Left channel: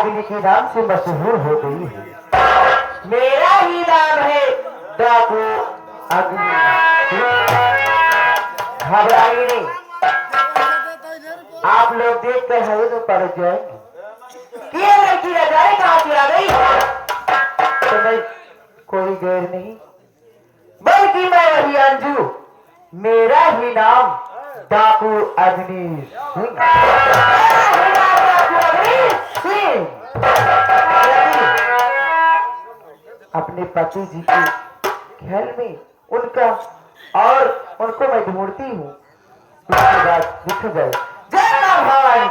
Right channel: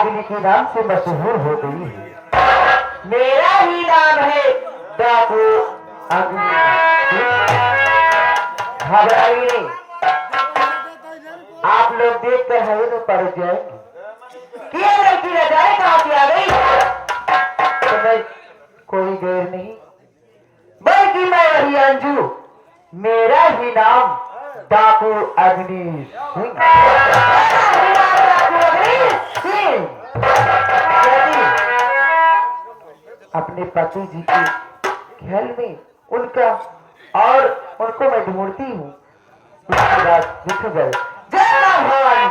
अग्नि के नाम से मशहूर हो गई है। मेरा ही नाम है डाकू अग्नि। घबराइए नहीं, आप लोग देख कर हमें तो पड़ जाएंगे कि ये लड़की नजारे कहाँ से आ गई। तो मैं कोई गैर नहीं, बल्कि मैं वही अंजू, मेरा ही नाम डाकू अग्नि सिंह। अपने पति जी के ख्याल में उनका और उनको मैं ढूंढती हूँ, उसके बाद दिख गए। जय मां भवानी।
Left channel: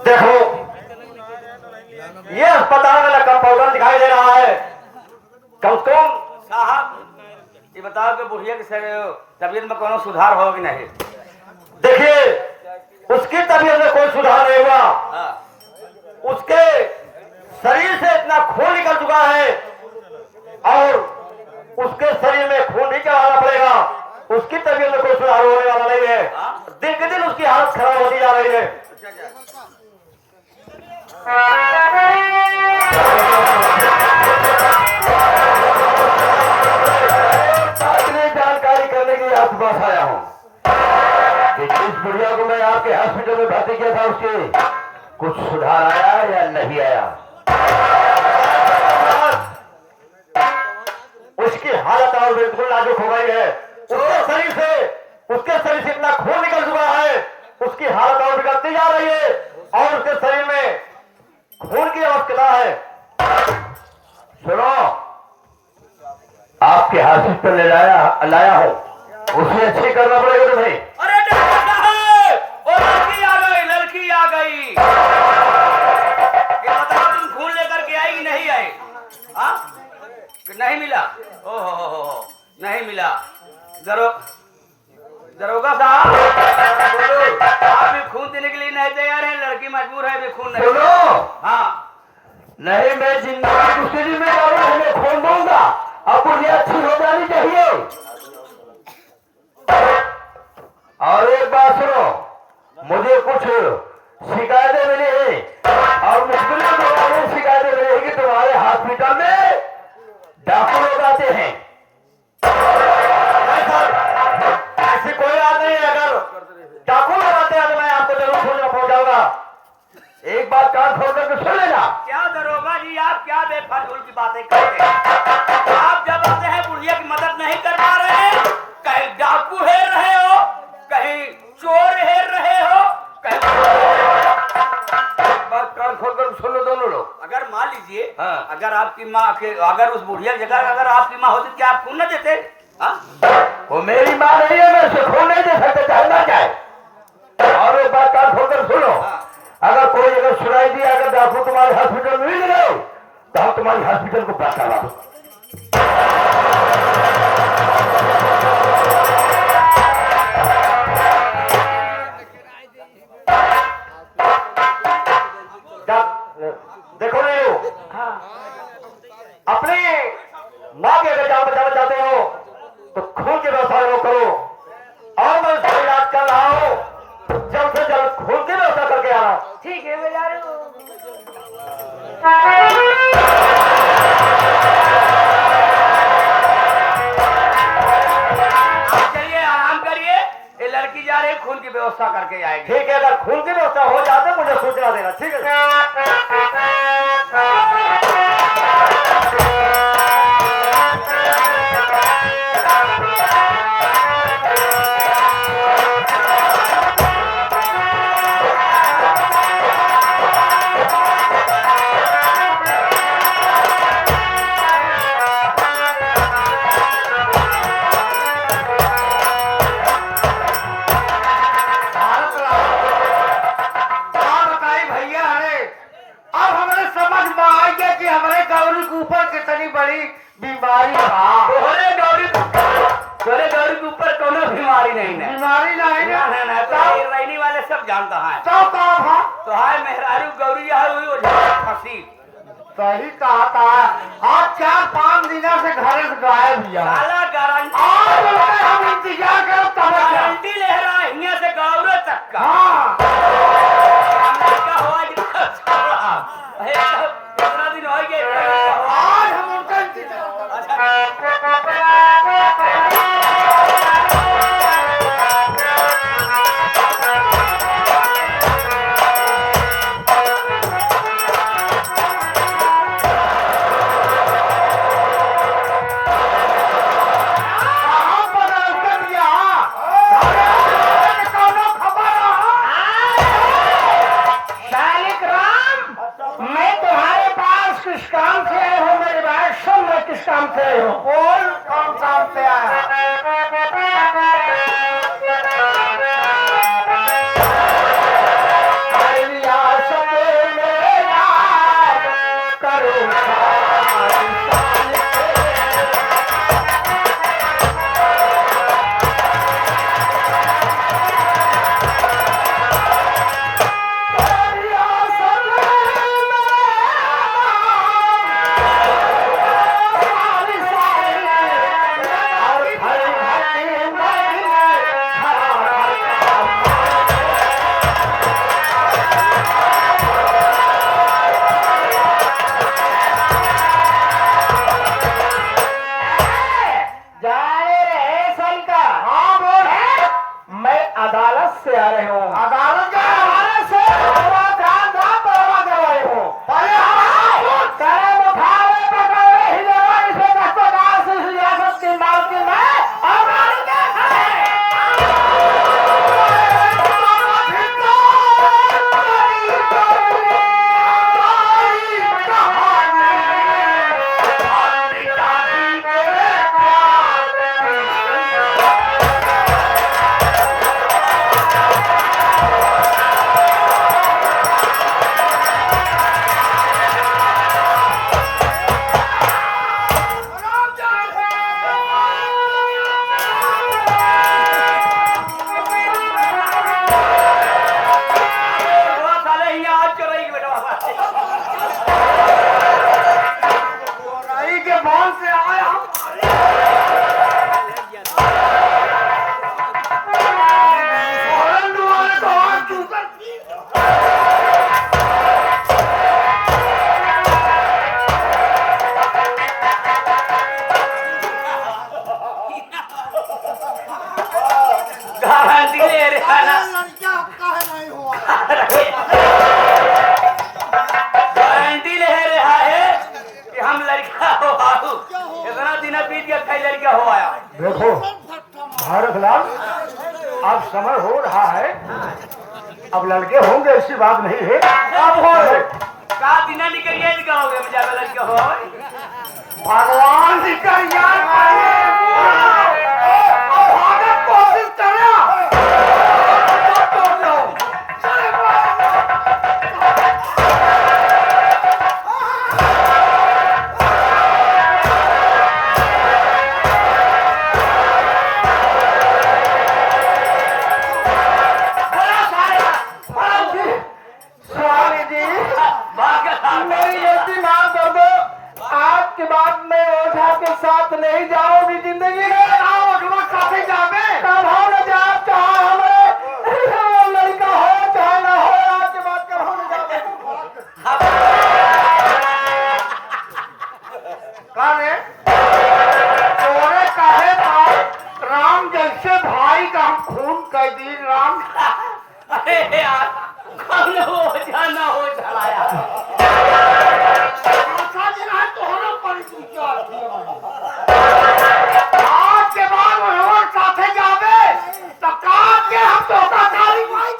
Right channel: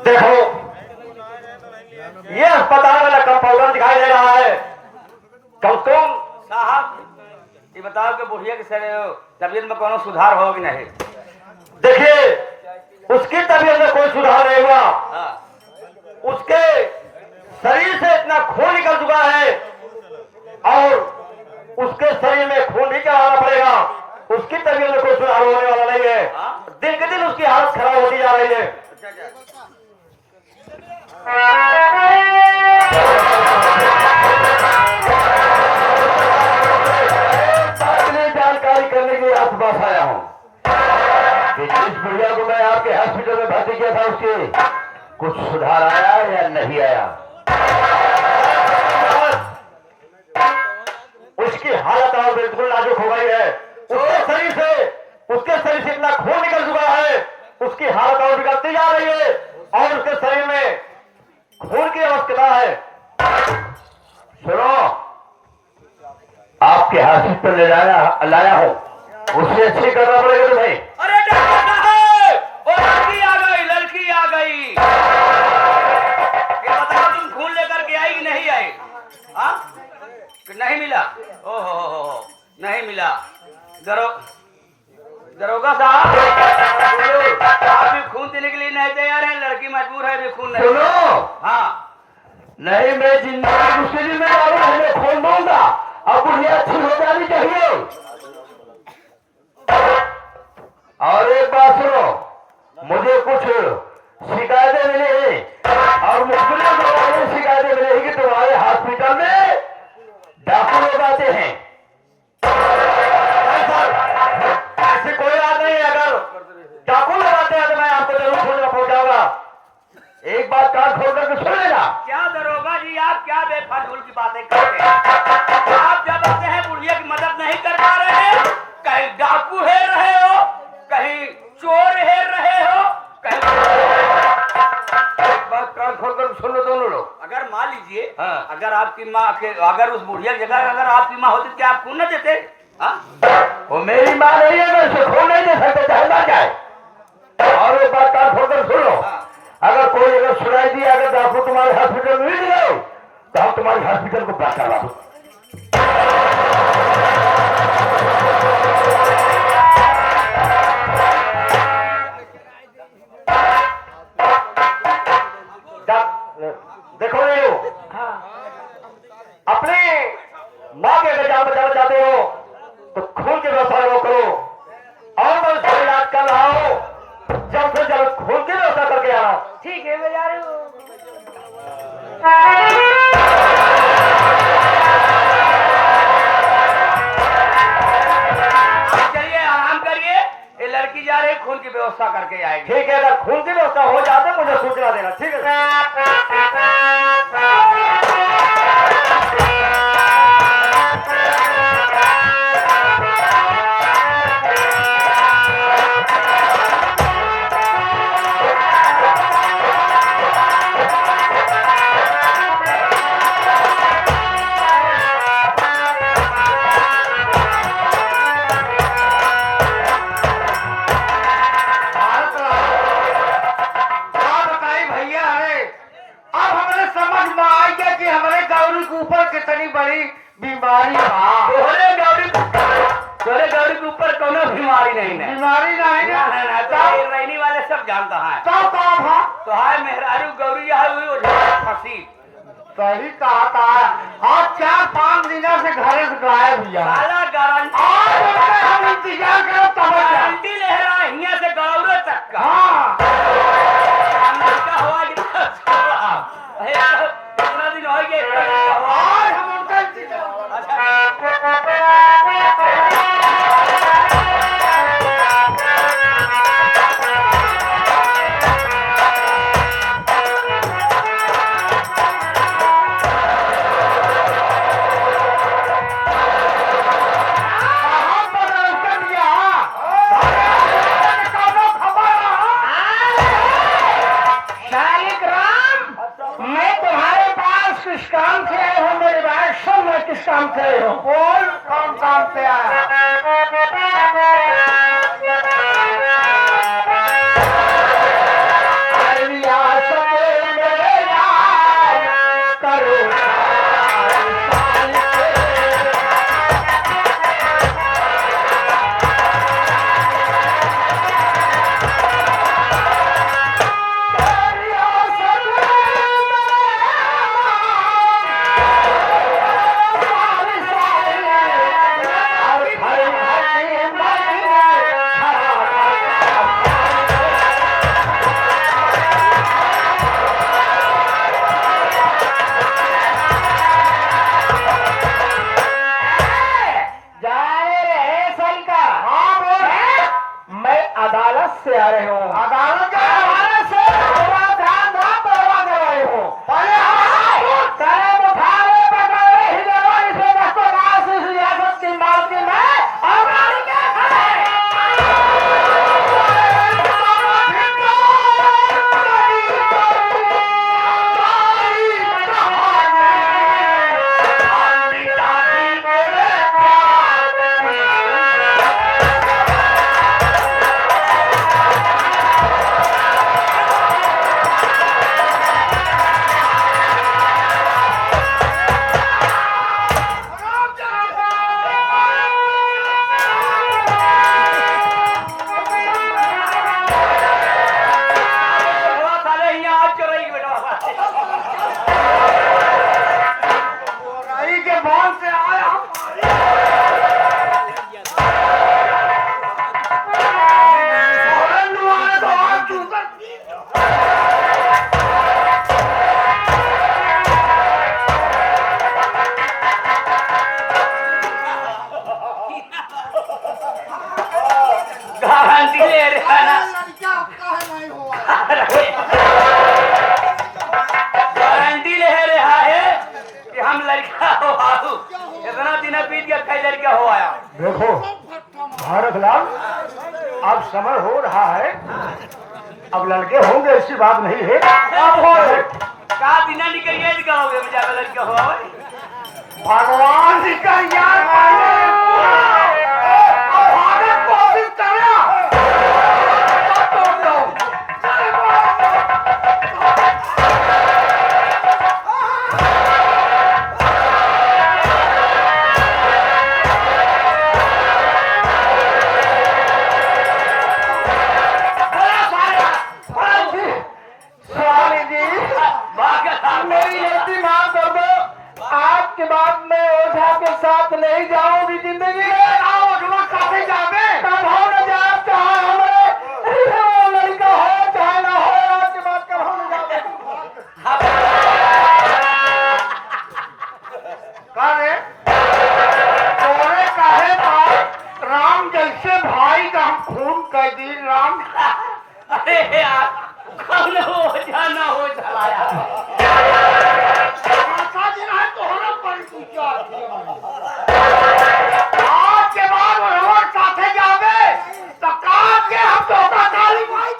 देखो ये अस्पताल वाला कंपाउंडर दिखाई दे रहा है। कल तुम साहब ये बताओ कि बुढ़िया की तबीयत में कोनो सुधार हो कि नहीं? देखिए उसकी तबीयत में कोई सुधार नहीं हुआ। उसके शरीर से इतना खून निकल चुका है और उसके शरीर में खून नहीं चढ़ाना पड़ेगा। उसकी तबीयत में कोई सुधार होने वाला नहीं है। दिन के दिन उसकी हालत खराब होती जा रही है। जानकारी करने के आसपास आया हूँ कि जिस बुढ़िया को मैं आपके हॉस्पिटल में भर्ती किया था उसके कुछ सुधार आया या नहीं आया। उसकी हालत और बिल्कुल नाजुक हो गई है। उसके शरीर से इतना खून निकल चुका है, उसकी हालत और बिगड़ती जा रही है और उसके शरीर में खून की आवश्यकता है। सुनो, आपके हॉस्पिटल ले लाया हो, उसे अच्छी करना पड़ेगा तुम्हें। अरे डॉक्टर साहब, वो लड़की आ गई, लड़की आ गई। ये बताओ तुम खून लेकर के आई कि नहीं आई? हाँ? कि नहीं मिला? ओहो, नहीं मिला। दरोगा साहब, आप भी खून देने के लिए नहीं तैयार है? लड़की मजबूर है, भी खून नहीं। सुनो, हाँ, नहीं मैं जिंदगी दूसरी जिम्मेदार तुम्हें खून दूंगा। अब बुढ़िया अच्छी हो जानी चाहिए। और एक बात सुनो, मुझे कुछ शिकायतें मिली है और मुश्किल में शिकायतें मिली है कि तुम्हारे हॉस्पिटल में डाकू लोग आते हैं। ऐसी कोई बात नहीं है। अगर डाकू लोग आते हैं तो मैं आपको जरूर सूचना पहुंचाऊंगा। एक बात कान खोल कर सुन लेना। क्या दरोगा जी, आप क्या बेफालतू की बातें करते हैं? आप जब आते हैं बुढ़िया की मदद नहीं कर पा रहे हैं, कहीं डाकू हेर रहे हो, कहीं चोर हेर रहे हो, कहीं बात कान खोल कर सुन लो दोनों लोग। अगर मान लीजिए हाँ। अगर आपकी माँ के अगर उस बुढ़िया की जगह अगर आपकी माँ होती क्या आप खून न देते? हाँ? वो मेरी माँ नहीं है, मैं उसे खून नहीं दे सकता, चाहे ना चाहे। और एक बात कान खोल कर सुन लो, अगर कोई अगर सुनाई दिया अगर डाकू तुम्हारे हॉस्पिटल में मिल गए तो हम तुम्हारे हॉस्पिटल को पहचाना। देखो ये लोग अपनी माँ के अगर जान बचाना चाहते हो तो खून की व्यवस्था वो करो और मैं उसका इलाज कर रहा हूँ। जल्द से जल्द खून की व्यवस्था करके आना। ठीक है, मैं जा रहा हूँ। चलिए आराम करिए, ये लड़की जा रही है, खून की व्यवस्था करके आएगी। ठीक है, अगर खून की व्यवस्था हो जाए तो मुझे सूचना देना। ठीक है। भैया हमारे गौरी के ऊपर कितनी बड़ी बीमारी है। तोहरे गौरी के ऊपर कोनो बीमारी नहीं है। बीमारी नहीं ना ना ना तो ये रहने वाले सब जानता है। तो कौन है? तो है मेहरारू गौरी है हुई वो फंसी। सही कहा था। और 4-5 दिनों से घर से गायब हुआ है। साला गारंटी हम इंतजार करो तब गारंटी ले रहा है यहाँ से गौरे तक का। हाँ क्या हुआ कि कितना दिन हो गए और हम उनका इंतजार कहाँ पर अंकल यहाँ? कौनो खबर शालिक राम, मैं तुम्हारे पास किस काम से आया हूँ? मेरी बात सुन, मैं किस काम से आया हूँ? बोल कौन काम पे आया? आइया सके मेरे यार, करो जाने रहे सलका। हाँ बोल। मैं अदालत से आ रहे हूँ। अदालत के अदालत से थोड़ा ध्यान दो, परवा करवाई हूँ। पहले हमारा कलम उठावे पकड़े हिलेवा, इसमें दस्तगार से सियासत की मालकी में और गाड़ी का साले यहाँ आज चोरी की बेटा रही के बांध से आया हम। और दुआएं तो हाथ ऊपर। गारंटी ले रहा है ना। लड़का कहे नहीं हुआ। गारंटी ले रहा है कि हम लड़का हो आऊ। इतना दिन बीत गया कई लड़का हो आया। देखो भारत लाल, अब समय हो रहा है, अब लड़के होंगे, ऐसी बात नहीं है। अब हो का दिन निकलिए निकलोगे बेचारा लड़का हो आऊ। भगवान जी का याद कोशिश करना। स्वामी जी, मेरी गलती माफ कर दो। आज के बाद मैं ओझा के साथ नहीं जाऊंगी जिंदगी में। काफी जावे कब हो न जाए, चाहे हमें लड़का हो चाहे न हो, आज के बाद कब हो न जाए। करे तोरे कहे था राम जैसे भाई का हम खून कर दी। राम अरे यार कौन हो जाना हो चलाया। ऐसा दिन है तो हम पर पूछा आज के बाद हमारे साथे जावे तो काम के हम तो का खाली भाई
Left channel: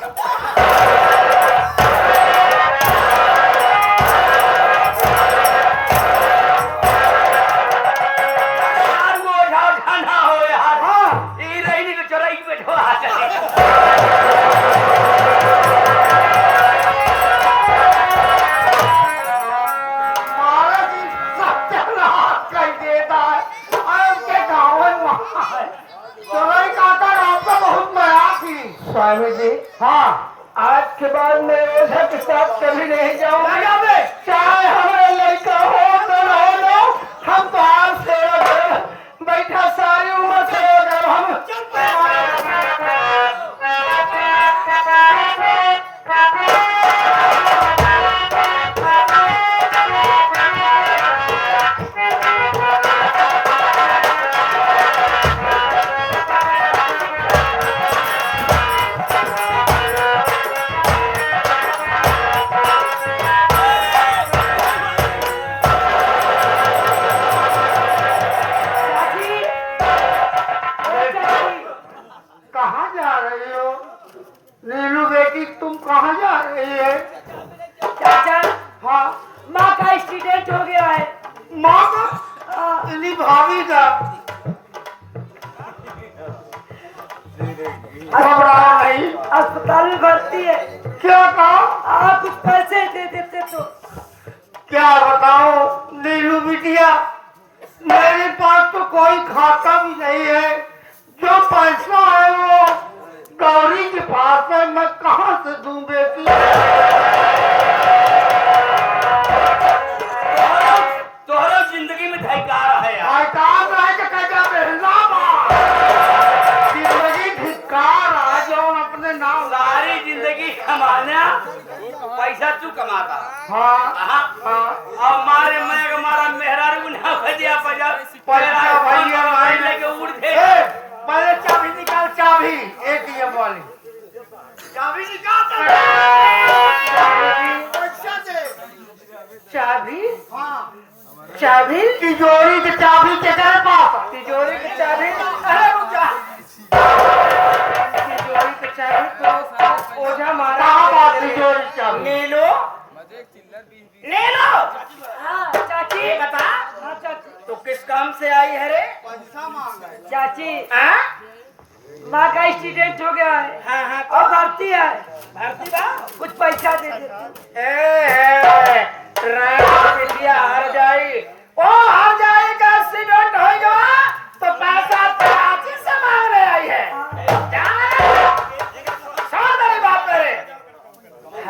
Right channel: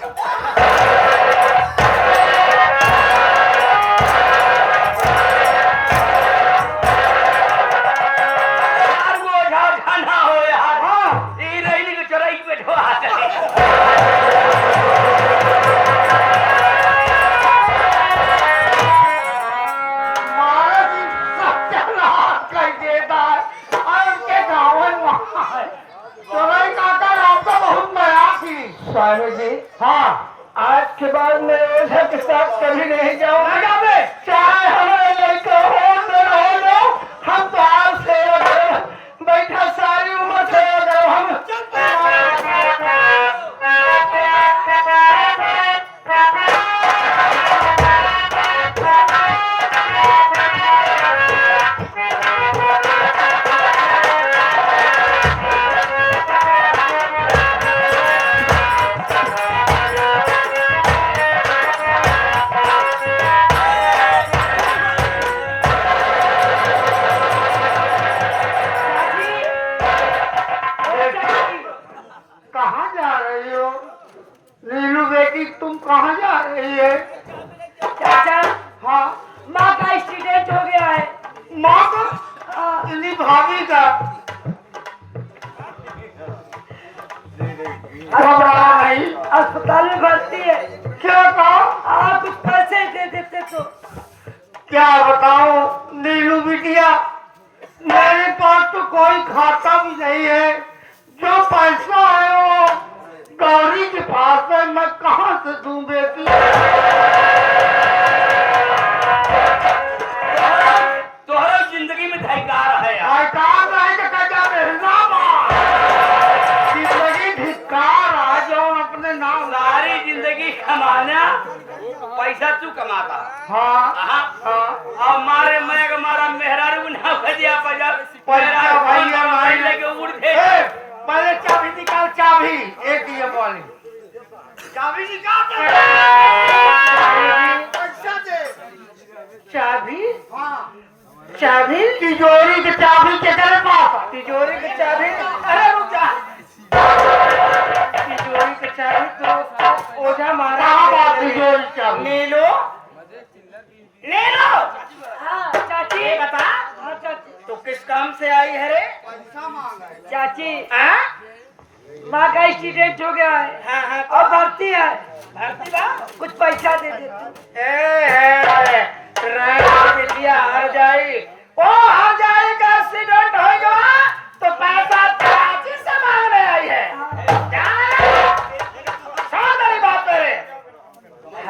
यार वो जाना हो यार। ये रहने को चोरी बैठो आ चले। स्वामी जी, हाँ, आज के बाद मैं ओझा के साथ कभी नहीं जाऊंगा। ना जाओगे? चाहे हमारे लड़का हो तो रहो दो, हम तो आप सेवक हैं। बैठा सारी उम्र सेवक हैं हम। कहाँ जा रही हो नीलू बेटी, तुम कहाँ जा रही है? चाचा, हाँ, माँ का एक्सीडेंट हो गया है। माँ का? इन्हीं भाभी का? घबरा नहीं, अस्पताल में भर्ती है। क्या कहो? आप कुछ पैसे दे देते तो। क्या बताऊं नीलू बिटिया, मेरे पास तो कोई खाता भी नहीं है। जो पैसा है वो गौरी के पास है, मैं कहाँ से दूं बेटी? तोहरा जिंदगी में धिक्कार है यार। धिक्कार रहेगा क्या बेहना? जिंदगी धिक्कार आ जाओ अपने नाम। सारी जिंदगी कमाना, पैसा तू कमाता। हाँ हाँ, हाँ, और मारे मैं मारा मेहरारू ना भजिया पजा पैसा भैया नहीं लेके उड़ ए, गए। पहले चाबी निकाल, चाबी एटीएम वाली चाबी निकाल। चाबी? हाँ, चाबी तिजोरी की चाबी के घर पास। तिजोरी की चाबी? अरे रुक जा, तिजोरी की चाबी तो ओझा मारा। कहाँ बात तिजोरी की चाबी? ले लो, ले लो। हाँ चाची, ये बता, हाँ चाची, तो किस काम से आई है रे? चाची, हाँ माँ का एक्सीडेंट हो गया है हाँ हाँ, और भर्ती है। भर्ती बा? कुछ पैसा दे देते। हार जाई, ओ हार जाए का एक्सीडेंट हो गया तो पैसा चाची से मांगने आई है। सुन मेरी बात मेरे,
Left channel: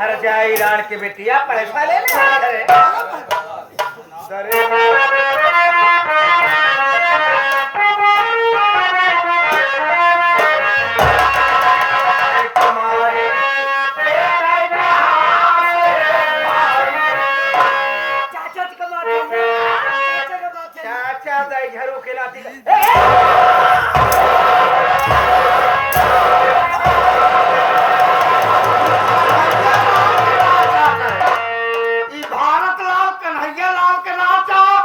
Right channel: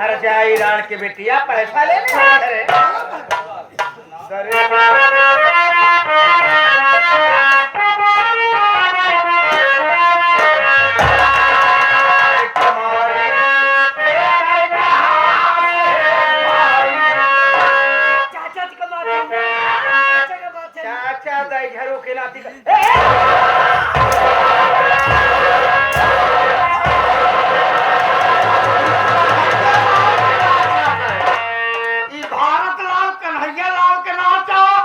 हर जाए ईरान की बेटिया पैसा लेने आई है। चाचा जी का बात है, चाचा का बात है। चाचा दाई घरों के नाती ई भारत लाल कन्हैया लाल के नाम चाहो,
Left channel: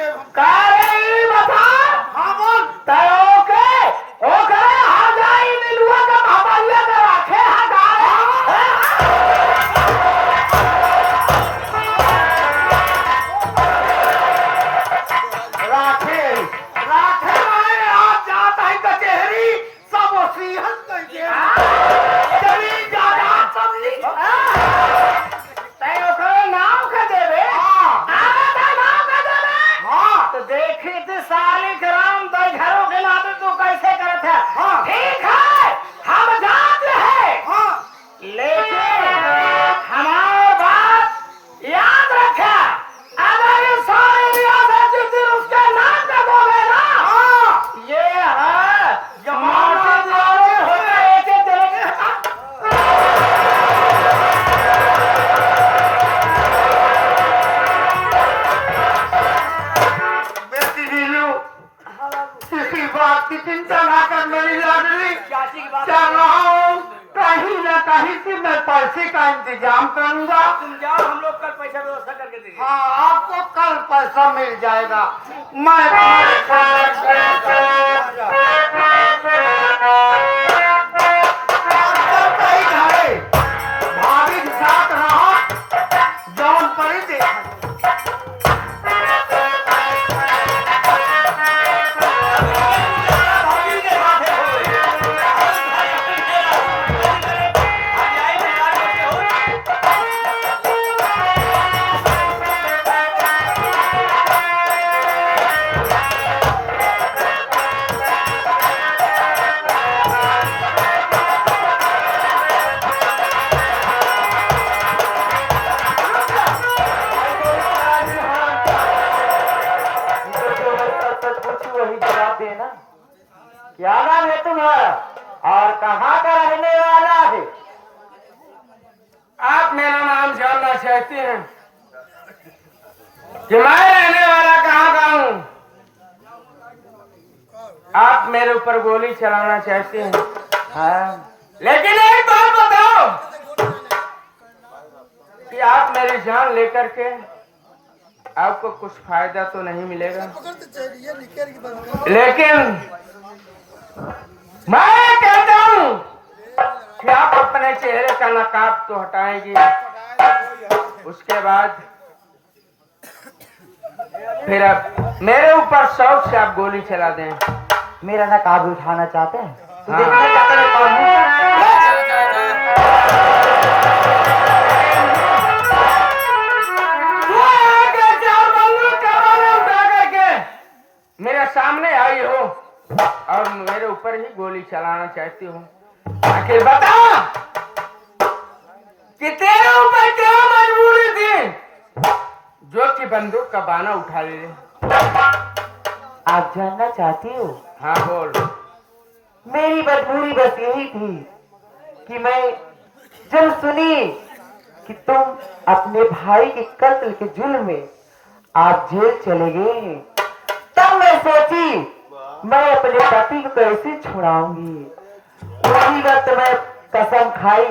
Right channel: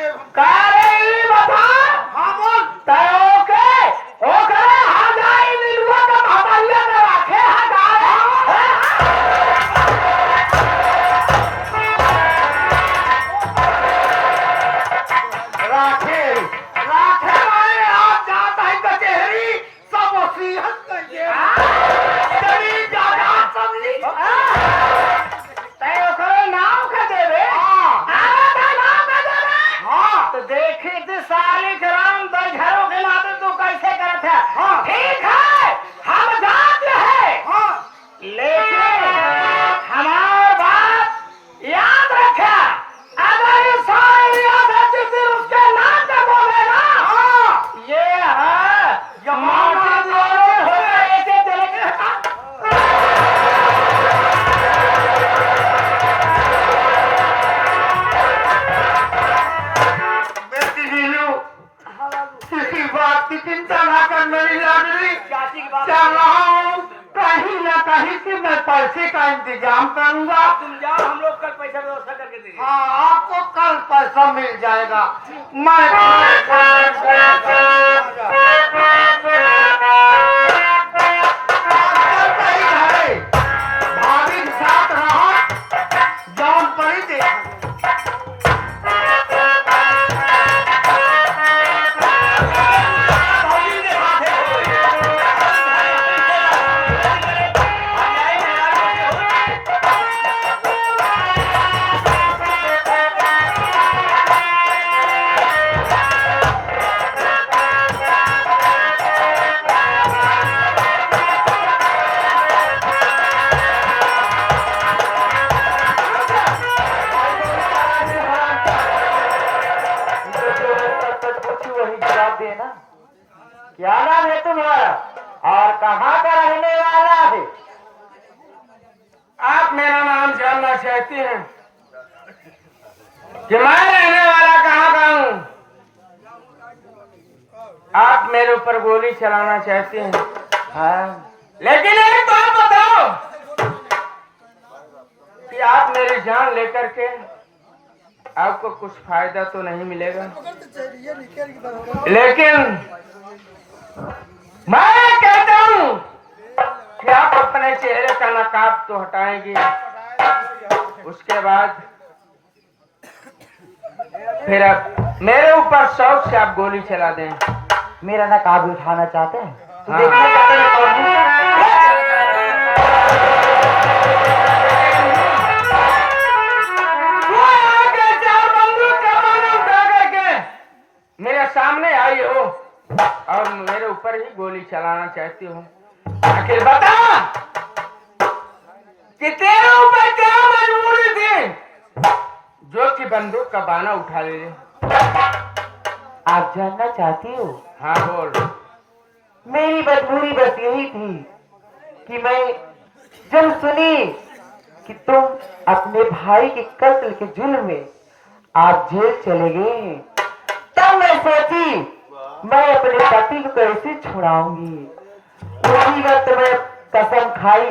देव कारे बता हाँ बोल तयो के ओ करे हाजाई मिलुआ का बाबालिया में रखे राखे राखे मैं आज जाता है कचहरी सब वसीयत कर दे चली जाना सब लिख तयो करे नाम का देवे नाम का देवे हाँ तो देखे तो साले ग्राम दो घरों के लाते तो कैसे करते हैं हाँ। ठीक है हम जानते हैं हाँ लेकिन हमार बात याद रखे अगर ये सारी रियासत जिस दिन उसके नाम पे बोलेगा हाँ ये है जमाना जाने हो गए ऐसे चलेंगे बेटी नीलू किसी बात की चिंता ना कर मेरी लाडली चाची की बात चल रहा हूँ कहीं न कहीं से मैं पैसे का इंतजाम करूंगा तुम जाओ हम लोग कल पैसा व्यवस्था करके देंगे हाँ आपको कल पैसा मिल जाएगा मैं आजकल कहीं है भाभी के साथ रहो जौन करी दे वही जवाब देना। क्या नाम है तुम्हारा और कहाँ का रहने वाला है? आप मेरा नाम जानना चाहती हैं कि मैं रहने वाला कहाँ का हूँ? आप मेरे ऊपर गोली चलाना चाहती हैं, हाँ, लेकिन एक बात बताओ कि आप मेरी जान लेकर के आपको कुछ फायदा तो नहीं मिलेगा, लेकिन मैं कहता हूँ कि आप अपने चेहरे का नकाब तो हटाएंगी, उसके बाद फिर आप मेरे ऊपर शौक से आप गोली चला दें। मेरा नकाब उठाना चाहते हैं? तो हाँ। देखना चाहते हैं कौन है? वो आके चार बंदूक कमाने उठा करके मेरे सामने आई हो और मेरे ऊपर ही गोली चलाना चाहती हूँ। आखिर बता कि तेरे ऊपर क्या मजबूरी थी जो कि बंदूक का बाना उठा ले। आप जानना चाहती हो? हाँ बोल। मेरी मजबूरी बस यही थी कि मैं जब सुनी कि तुम अपने भाई के कत्ल के जुल्म में आप जेल चले गए हैं, तब मैं सोची मैं अपने पति को कैसे छुड़ाऊंगी। वही वक्त मैं कसम खाई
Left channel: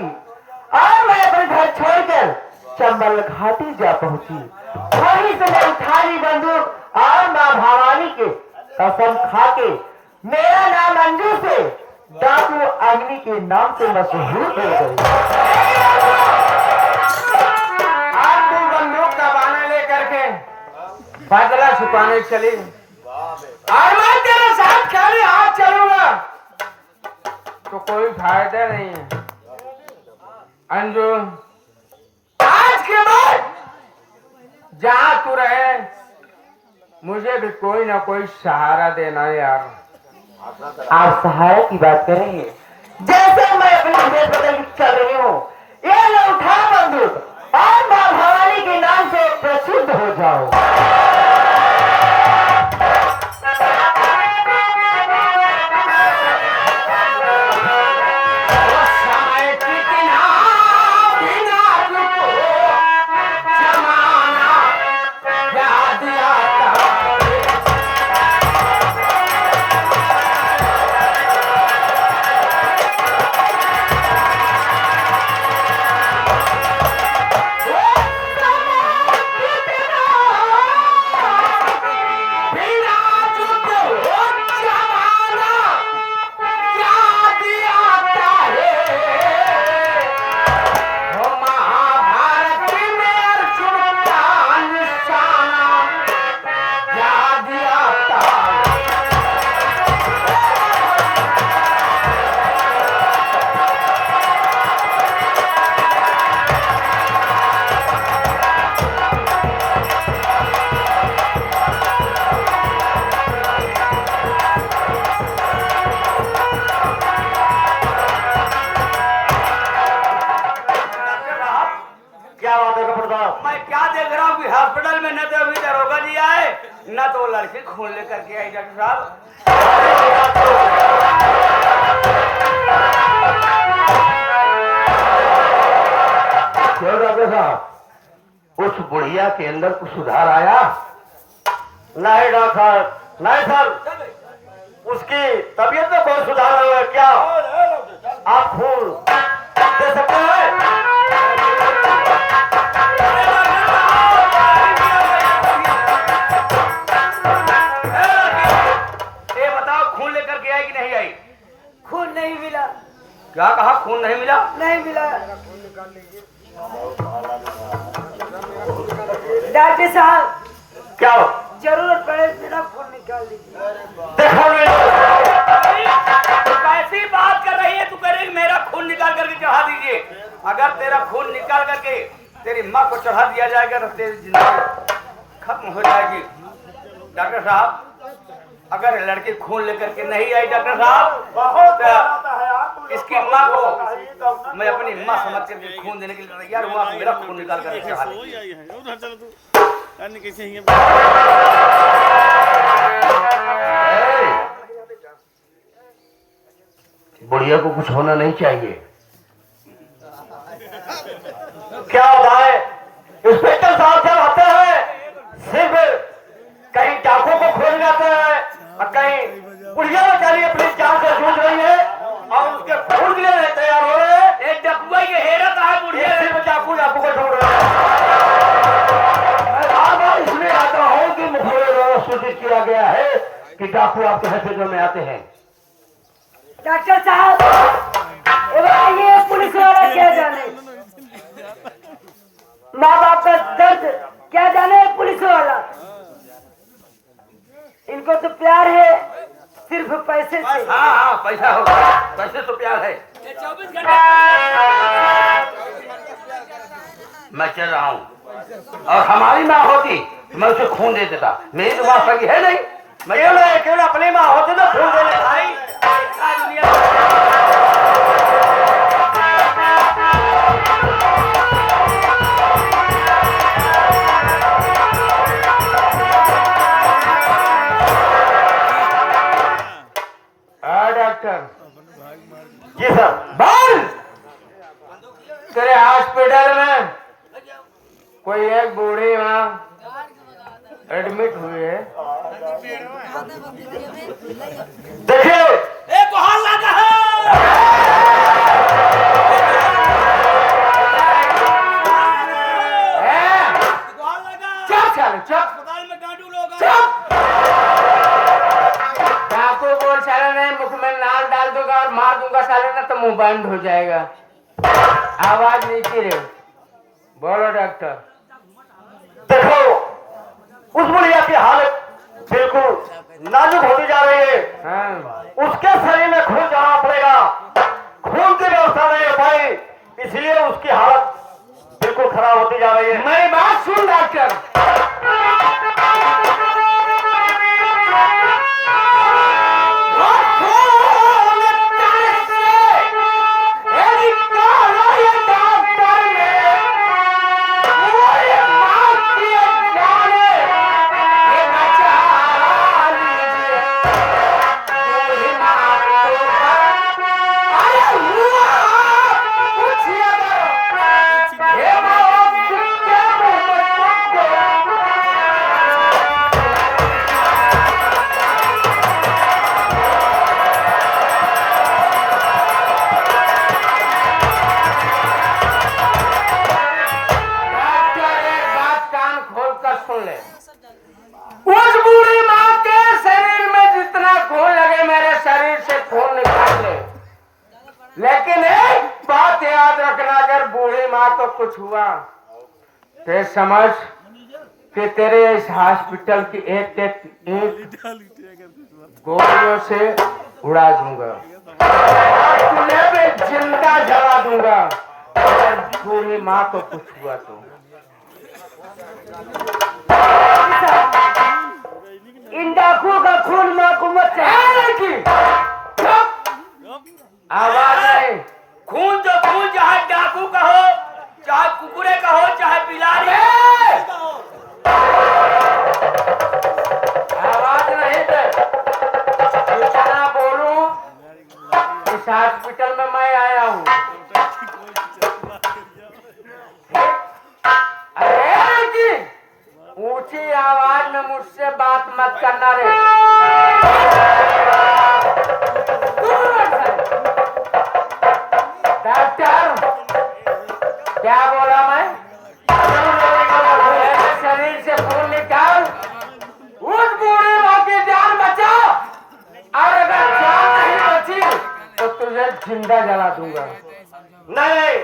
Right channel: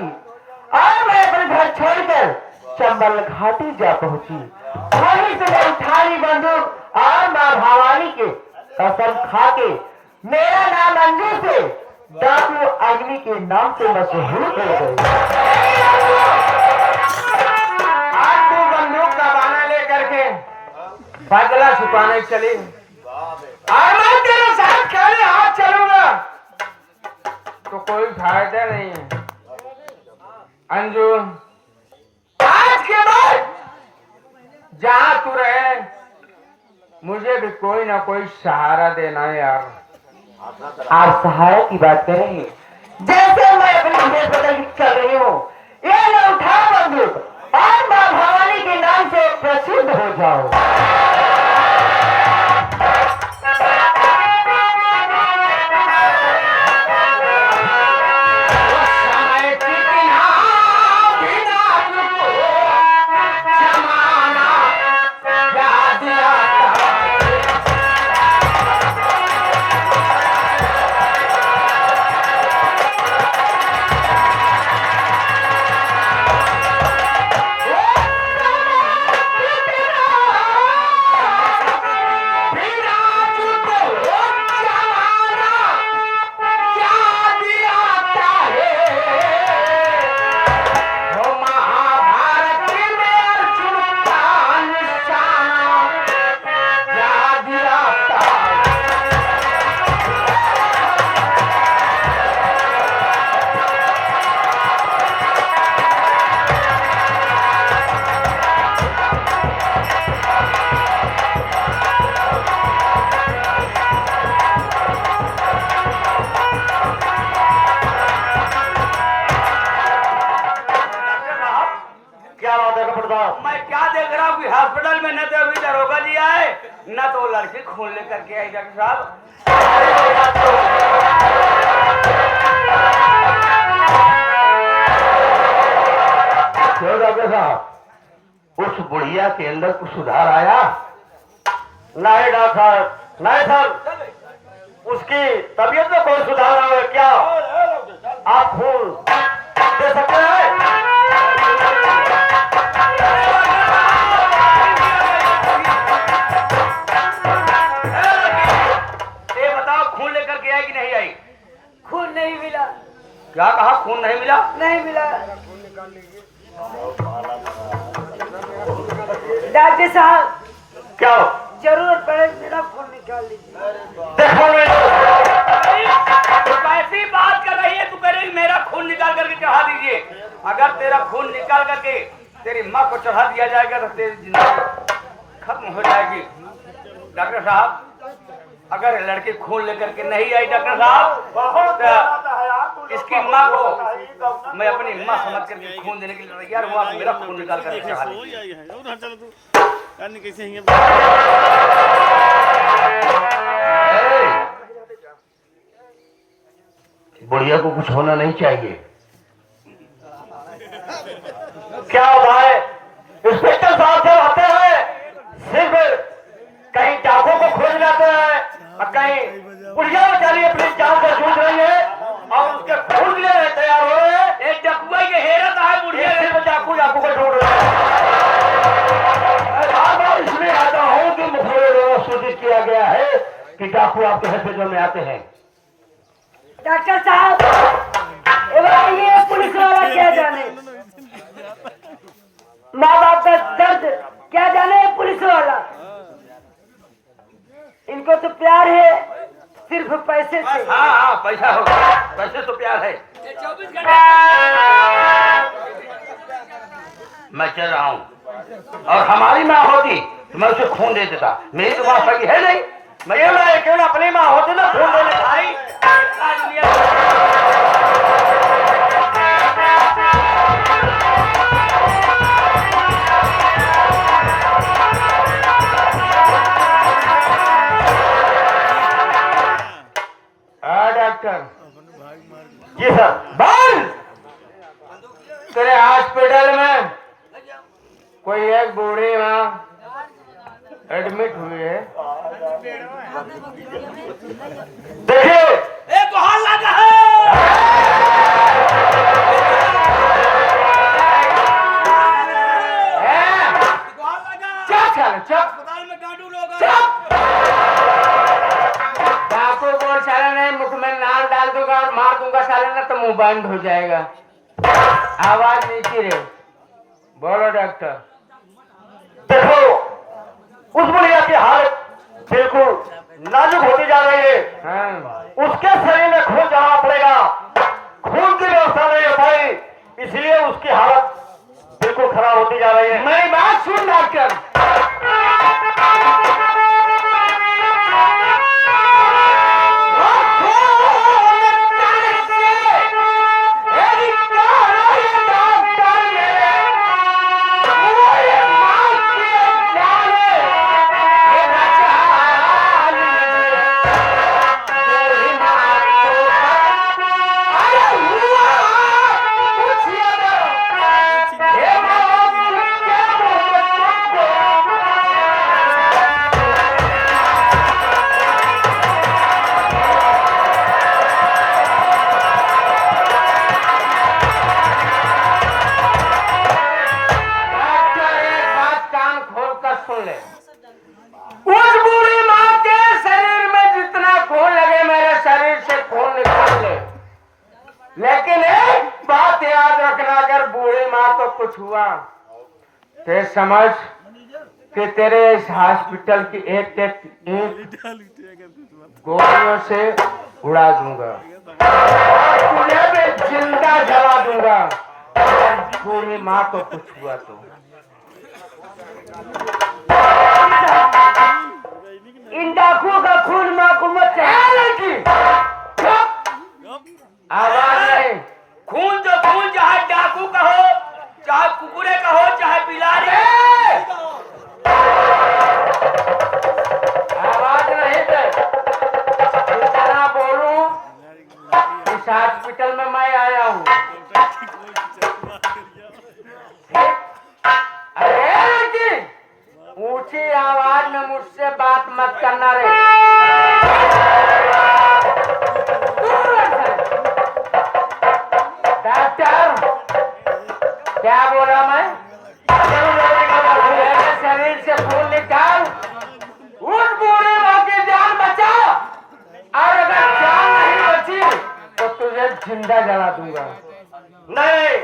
और मैं अपने घर छोड़कर चंबल घाटी जा पहुंची। वहीं से मैं उठाई बंदूक और माँ भवानी के कसम खा के मेरा नाम अंजू से डाकू अग्नि के नाम से मशहूर हो गई। आज तू बंदूक का बाना लेकर के बदला छुपाने चली और मैं तेरे साथ खाने हाथ चलूंगा तो कोई फायदा नहीं है। अंजू, आज के बाद जहाँ तू रहे मुझे भी कोई ना कोई सहारा देना है यार। आप सहारा की बात करेंगे? जैसे मैं अपनी भेष बदल के चल रही हूँ, ये लो उठा बंदूक और माँ भवानी के नाम से प्रसिद्ध हो जाओ। समय कितना बिना रुको, जमाना याद आता है। बिना युद्ध हो जमाना याद आता है। वो महाभारत में अर्जुन का निशाना याद आता है। क्या बात है कपूर साहब? मैं क्या देख रहा हूँ कि हॉस्पिटल में न तो अभी दरोगा जी आए न तो लड़की खून लेकर के आई। डॉक्टर साहब क्यों डॉक्टर साहब, उस बुढ़िया के अंदर कुछ सुधार आया? नहीं डॉक्टर, नहीं सर, उसकी तबीयत में कोई सुधार नहीं हुआ। क्या आप खून दे सकते हैं? ये बताओ खून लेकर के आई कि नहीं आई? खून नहीं मिला, क्या कहा? खून नहीं मिला? नहीं मिला। डॉक्टर साहब क्या जरूरत पड़े मेरा खून निकाल लीजिए। देखो तो कैसी बात कर रही है तू? कह रही मेरा खून निकाल करके चढ़ा दीजिए। अगर तेरा खून निकाल करके तेरी माँ को चढ़ा दिया जाएगा तो तेरी जिंदगी खत्म हो जाएगी। डॉक्टर साहब अगर लड़की खून लेकर के नहीं आई डॉक्टर साहब तो इसकी माँ को मैं अपनी माँ समझ करके खून देने के लिए तैयार हुआ। तो मेरा खून निकाल करके चढ़ा दीजिए। बुढ़िया को कुछ होना नहीं चाहिए। क्या होता है? इंस्पेक्टर साहब जब आते हैं सिर्फ कहीं डाकों को खोज जाते हैं और कहीं बुढ़िया बेचारी अपनी जान से जूझ रही है और उसके खून लेने तैयार हो रहे हैं। एक डकुआ ये हेरत है बुढ़िया ये सिर्फ डाकू डाकू को ढूंढ रहे हैं। मैं बार-बार इसलिए आता हूँ कि मुखबिर द्वारा सूचित किया गया है कि डाकू आपके हॉस्पिटल में आते हैं। डॉक्टर साहब ये पुलिस वाला क्या जाने, माँ बाप का दर्द क्या जाने ये पुलिस वाला। इनको तो प्यार है सिर्फ पैसे से। हाँ हाँ पैसा होगा, पैसे तो प्यार है। 24 घंटे मैं चल रहा हूँ और हमारी माँ होती तो मैं उसे खून दे देता। मेरी तो माँ सही है नहीं। मैं क्यों ना अपनी माँ होती ना खून देने भाई डॉक्टर जी सर। बोल तेरे हॉस्पिटल में कोई एक बूढ़ी माँ एडमिट हुई है। देखिए एक हाल लगा चुप अस्पताल में डांटू लोग। डाकू को साले ने मुख में नाम डाल दूंगा और मार दूंगा साले ना तो मुंह बंद हो जाएगा। आवाज नीचे रहे। बोलो डॉक्टर। देखो उस बुढ़िया की हालत बिल्कुल नाजुक होती जा रही है। हाँ। उसके शरीर में खून जाना पड़ेगा। खून की व्यवस्था नहीं है भाई, इसलिए उसकी हालत बिल्कुल खराब होती जा रही है। मेरी बात सुन डॉक्टर। बूढ़ी माँ को कुछ हुआ ते समझ कि तेरे इस हॉस्पिटल की एक गोलियों से उड़ा दूंगा, तुझे भी जिंदा जला दूंगा अगर बूढ़ी माँ को कुछ हुआ तो। इन डाकुओं का खून माँ को मत आवाज नहीं। खून तो खून, चाहे डाकू का हो, चाहे कुकुरे का हो, चाहे बिलारी आवाज नहीं दे। जितना बोलूं इस हॉस्पिटल में मैं आया हूँ। अरे लड़की, ऊंची आवाज में मुझसे बात मत करना रे। डॉक्टर, क्या बोला मैं? मेरे शरीर से खून निकाल, उस बूढ़ी माँ की जान बचा, और अगर जान नहीं बची तो तुझे जिंदा जला दूंगा। नहीं,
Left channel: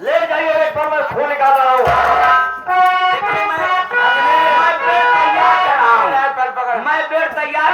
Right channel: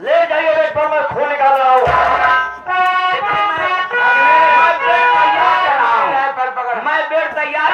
ले जाइए, एक बार मैं खून निकाल रहा हूँ। मैं बेड तैयार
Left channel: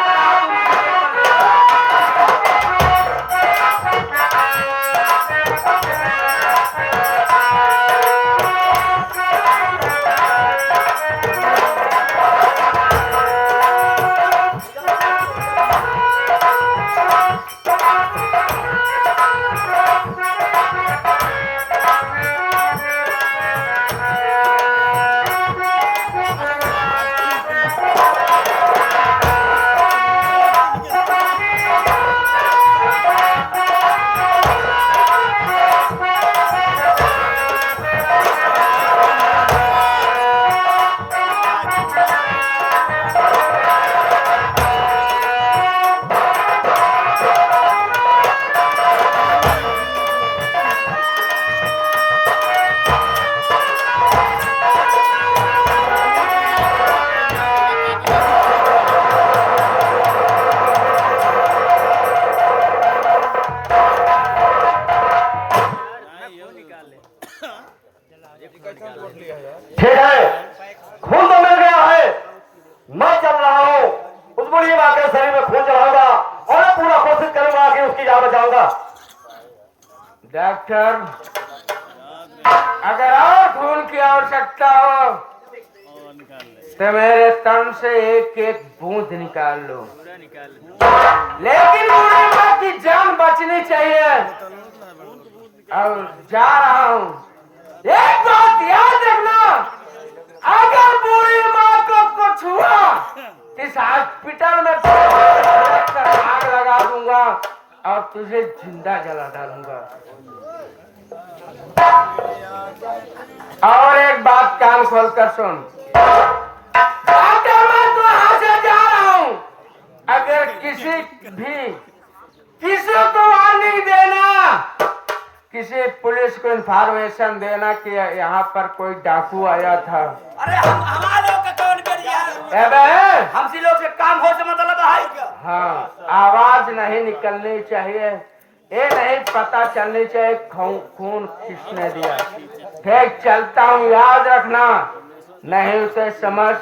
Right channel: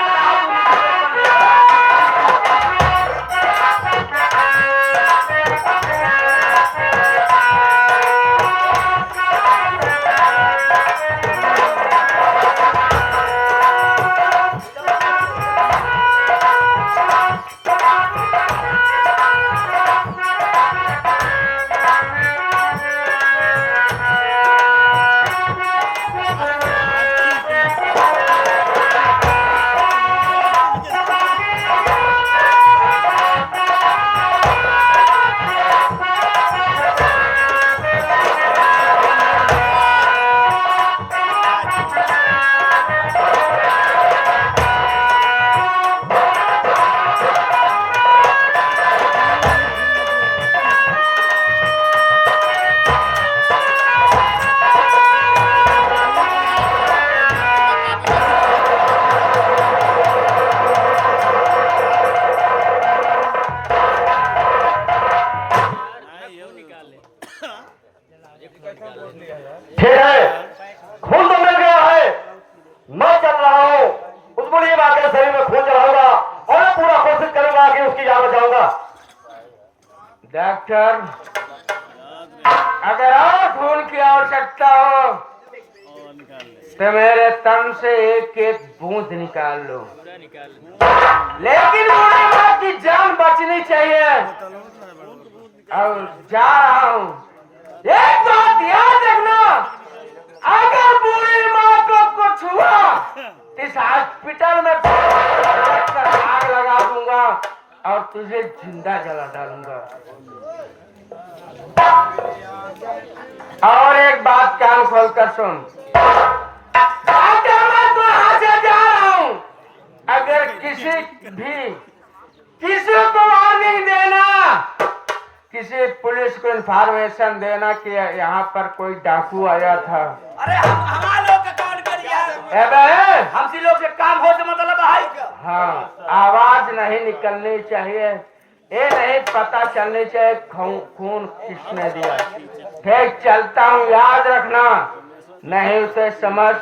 ठीक है, खून तो मिल गया है, मैं चल रहा हूँ। उस बूढ़ी माँ के शरीर में खून चढ़ाऊंगा और पूरा कोशिश करूंगा कि उसकी जान बचाऊंगा। डॉक्टर, अगर और खून की आवश्यकता हो तो मेरे तन से एक एक बूंद निकाल लो, लेकिन बूढ़ी माँ की जान बचनी चाहिए। और जा रहा हूँ, एक बात याद रखना, अगर बूढ़ी माँ को कुछ हुआ इस हॉस्पिटल में आग लगा दूंगा और तुझे जिंदा जला डालूंगा। और एक बात कान खोल कर सुन, अगर मैं तो यहाँ से जा रहा हूँ, अगर किसी को वार्निंग देना, किसी पुलिस को इंफॉर्मेशन देना कि यहाँ पर कोई डाकू आया था। अरे हमारा लोग का कौन करिए? हमसी लोग से काम हो से मतलब है। हाँ, आवाज नहीं निकलनी चाहिए, ये नहीं पता चलनी चाहिए खून किसने दिया। ठीक, चलता हूँ, याद रखना, नहीं उसे समझ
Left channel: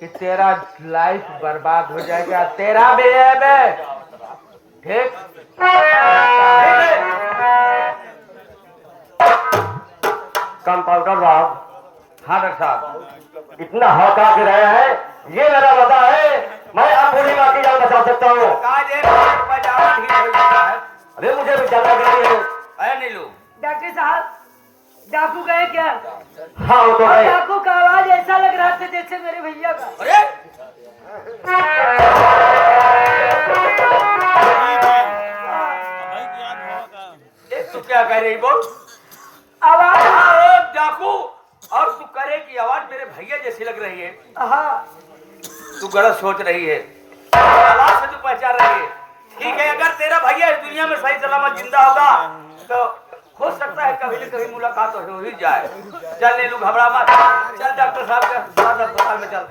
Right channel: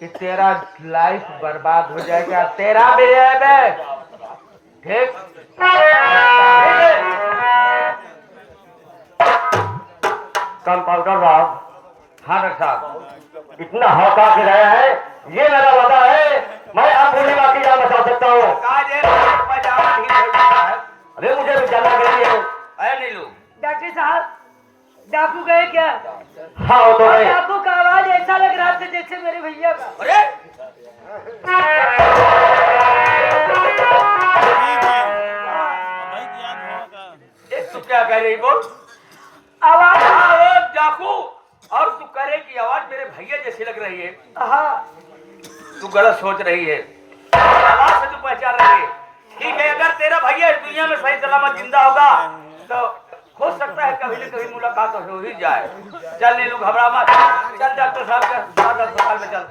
कि तेरा लाइफ बर्बाद हो जाएगा, तेरा भी है बे। ठीक, कंपाउंडर साहब। हाँ डॉक्टर साहब, इतना हका के रहे हैं, ये मेरा वादा है, मैं अब बूढ़ी माँ की जान बचा सकता हूँ। अरे मुझे भी जाना चाहिए। अरे नीलू, डॉक्टर साहब, डाकू गए क्या? हाँ वो तो और है। डाकू का आवाज ऐसा लग रहा था जैसे मेरे भैया का। अरे तू क्या कह रही बोल? आवाज हाँ, डाकू, और तू करे की आवाज मेरे भैया जैसी लग रही है। हाँ, तू गलत सोच रही है, आवाज से तू पहचान रही है। ठीक है, अगर तेरा भैया इस दुनिया में सही सलामत जिंदा होगा तो हो सकता है कभी न कभी मुलाकात हो ही जाए। चल नीलू, घबरा मत, चल डॉक्टर साहब के अस्पताल में चल।